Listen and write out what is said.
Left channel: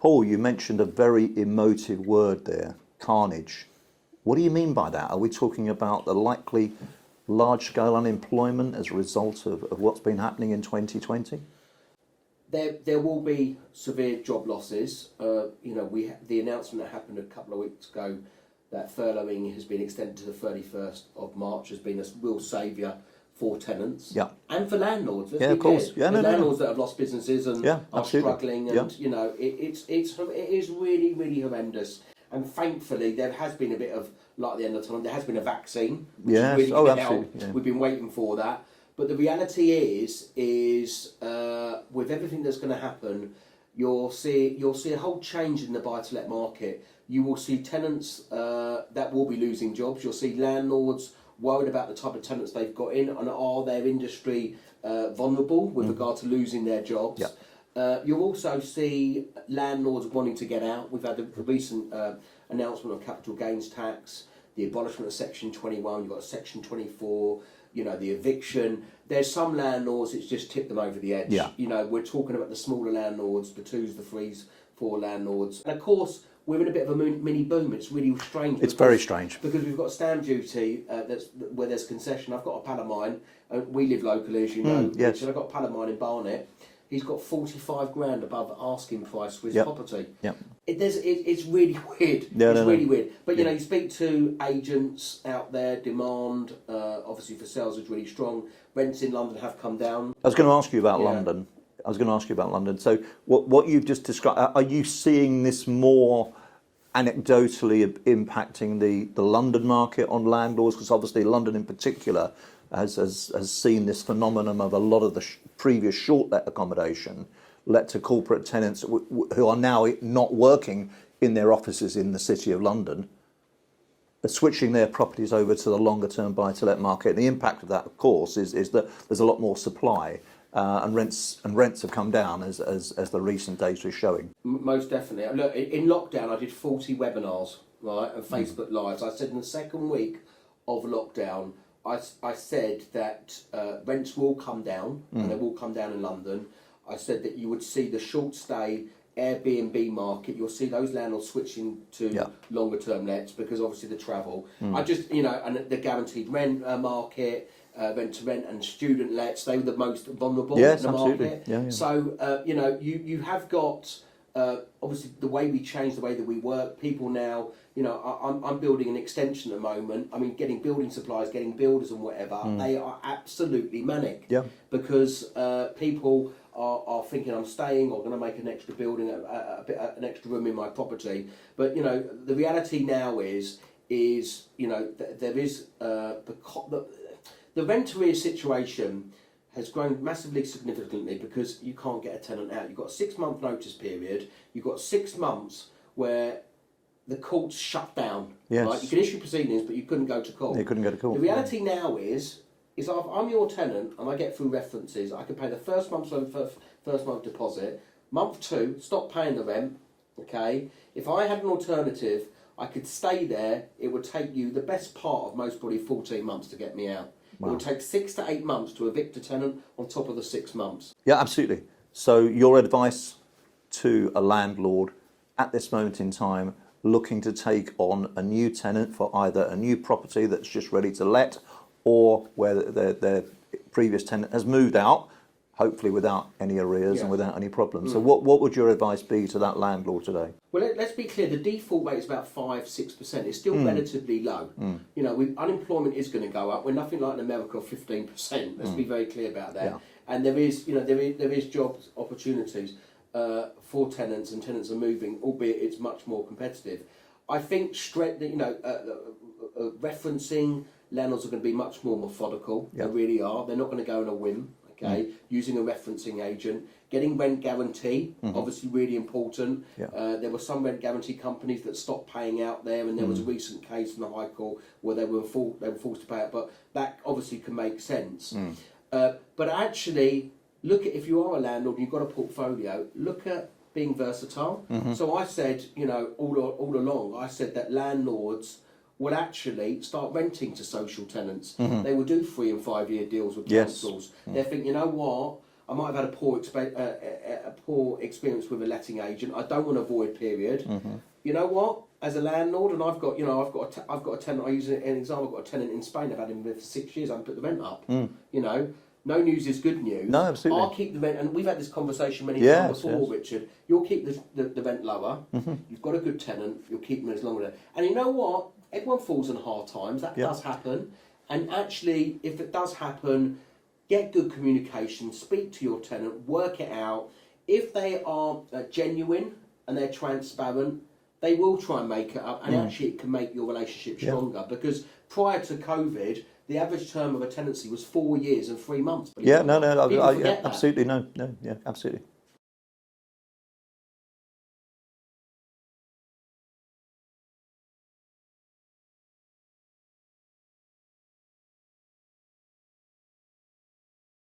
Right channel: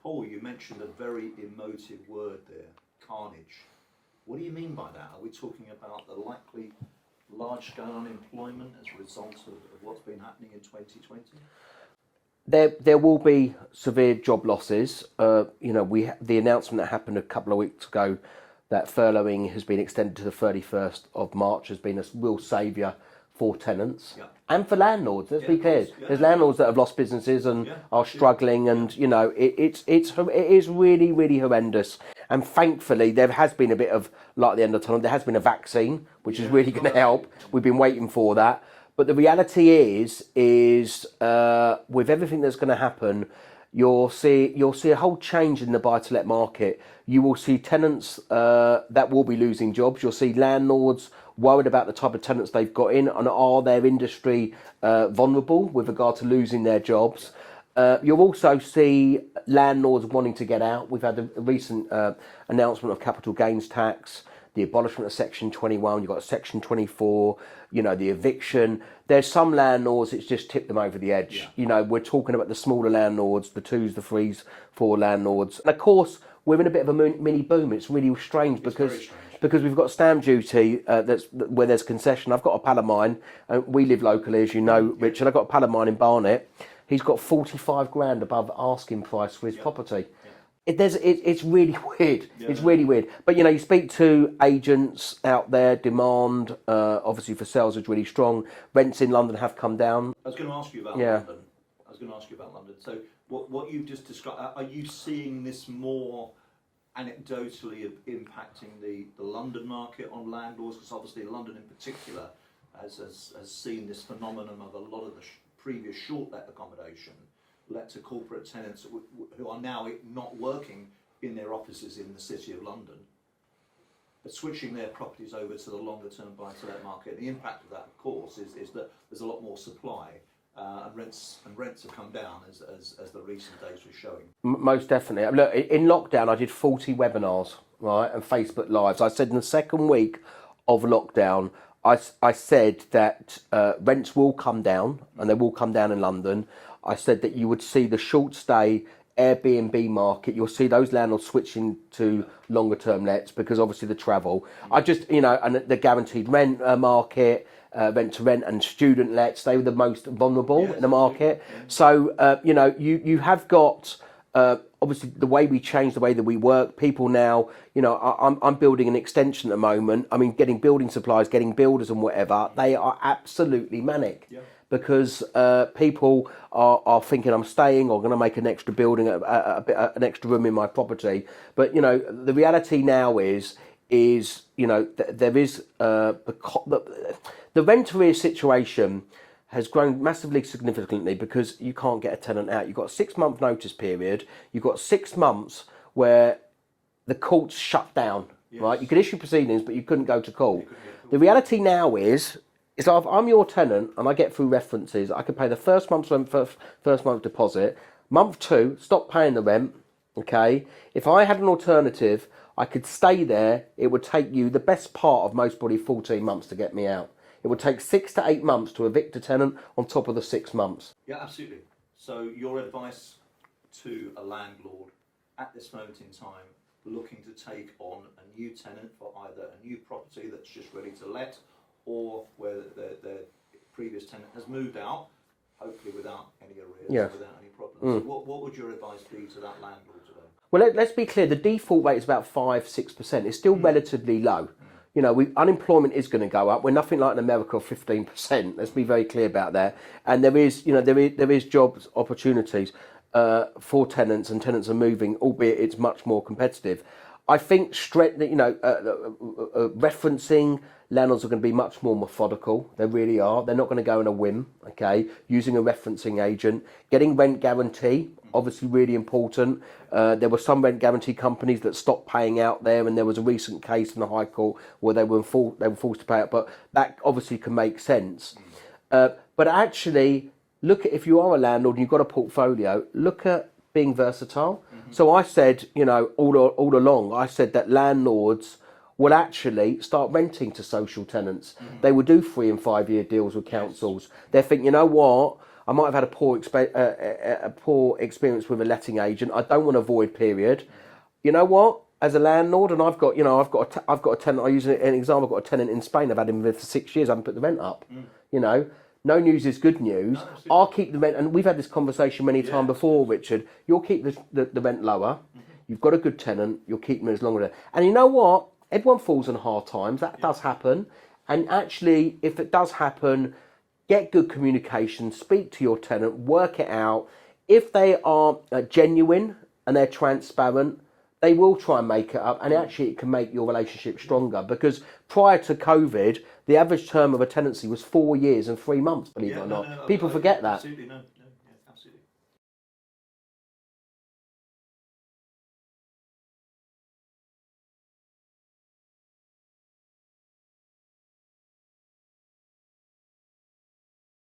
Paul, you mentioned a very emotive word there, carnage. What do you mean by that? Are we talking about the likely large-scale unemployment as a result of what's been happening in 2020? There will be severe job losses. The announcement that happened a couple of weeks ago that furloughing has been extended to the 31st of March has been a real saviour for tenants and for landlords. Let's be clear. There's landlords that have lost businesses and are struggling, and it is really, really horrendous. And thankfully, there has been a bit of light at the end of the tunnel. There has been a vaccine, which is really going to help. Yeah. We've been waiting for that. But the reality is with everything that's going to happen, you'll see a whole change in the buy-to-let market. You will see tenants that will be losing jobs. You'll see landlords worried about the type of tenants they've got in, and are their industry vulnerable with regard to losing their jobs. Yeah. You'll also see landlords wanting to get out. We've had a recent announcement of capital gains tax, the abolishment of Section 21, you've got Section 24, the eviction. There's some landlords, it's just tipped them over the edge. Yeah. We're talking about the smaller landlords, the 2s, the 3s, 4 landlords. And of course, we're in a bit of a mini boom. It's really strange. It's very strange. Because we've got stamp duty where there's concession. I've got a pal of mine, and we live locally, as you know, Richard. I've got a pal of mine in Barnet. He's got 45 grand above asking price for his property. Yeah. It's really weird. It's really weird. But you speak to agents out there. Demand, obviously, for sales is really strong. Rents in London have come down. I was going to ask you about London. So, what you've just described, are you seeing this more anecdotally impacting the London market on landlords? Because obviously, London in particular has seen this phenomenon of a lot of the previous short-let accommodation let to corporate tenants who are now not working in their offices in the City of London, are switching their properties over to the longer-term buy-to-let market. And the impact of that, of course, is that there's a lot more supply, and rents have come down as the recent data is showing. Most definitely. Look, in lockdown, I did 40 webinars, right, and Facebook Lives. I said in the second week of lockdown, I said that rents will come down, and they will come down in London. I said that you would see the short stay Airbnb market. You'll see those landlords switching to longer term lets because obviously the travel. I just, and the guaranteed rent market, rent to rent and student lets, they were the most vulnerable in the market. Yeah, yeah. So, you have got, obviously the way we change the way that we work, people now, I'm building an extension at the moment. I mean, getting building supplies, getting builders and whatever, they are absolutely manic. Yeah. Because people are thinking I'm staying or going to make an extra building, an extra room in my property. But, the reality now is there is the rent arrears situation has grown massively significantly because you can't get a tenant out. You've got a 6-month notice period. You've got 6 months where the courts shut down. Yes. Right? You could issue proceedings, but you couldn't go to court. You couldn't go to court. The reality now is if I'm your tenant and I get through references, I can pay the first month's rent, first month deposit. Month 2, stop paying the rent. Okay. If I had an alternative, I could stay there. It would take you the best part of most probably 14 months to get me out. Wow. It would take 6 to 8 months to evict a tenant on top of the 6 months. Yeah, absolutely. So your advice to a landlord at this moment in time looking to take on a new tenant for either a new property that's just ready to let or where their previous tenant has moved out, hopefully without any arrears and without any problems. So what would your advice be to that landlord today? Well, let's be clear. The default rate is about 5-6%. It's still relatively low. Unemployment is going to go up. We're nothing like in America, 15%. Let's be very clear about that. Yeah. And there is jobs opportunities for tenants, and tenants are moving, albeit it's much more competitive. I think referencing. Landlords are going to be much more methodical. They really are. They're not going to go on a whim, okay? Using a referencing agent. Getting rent guarantee, obviously really important. Yeah. There were some rent guarantee companies that stopped paying out there, and there was a recent case in the High Court where they were forced to pay out, but that obviously can make sense. But actually, look at, if you are a landlord and you've got a portfolio, look at being versatile. So I said, all along, I said that landlords will actually start renting to social tenants. They will do 3 and 5 year deals with councils. They think, you know what, I might have had a poor experience with a letting agent. I don't want a void period. You know what? As a landlord, and I've got a tenant. I use an example. I've got a tenant in Spain. I've had him there for 6 years. I haven't put the rent up. You know, no news is good news. No, absolutely. I'll keep the rent, and we've had this conversation many times before, yes. Richard. You'll keep the rent lower. You've got a good tenant. You'll keep them as long as. And you know what? Everyone falls on hard times. That does happen. And actually, if it does happen, get good communication. Speak to your tenant. Work it out. If they are genuine and they're transparent, they will try and make it up, and actually it can make your relationship stronger. Because prior to COVID, the average term of a tenancy was 4 years and 3 months. Yeah, no, people forget that. absolutely, no, yeah, absolutely.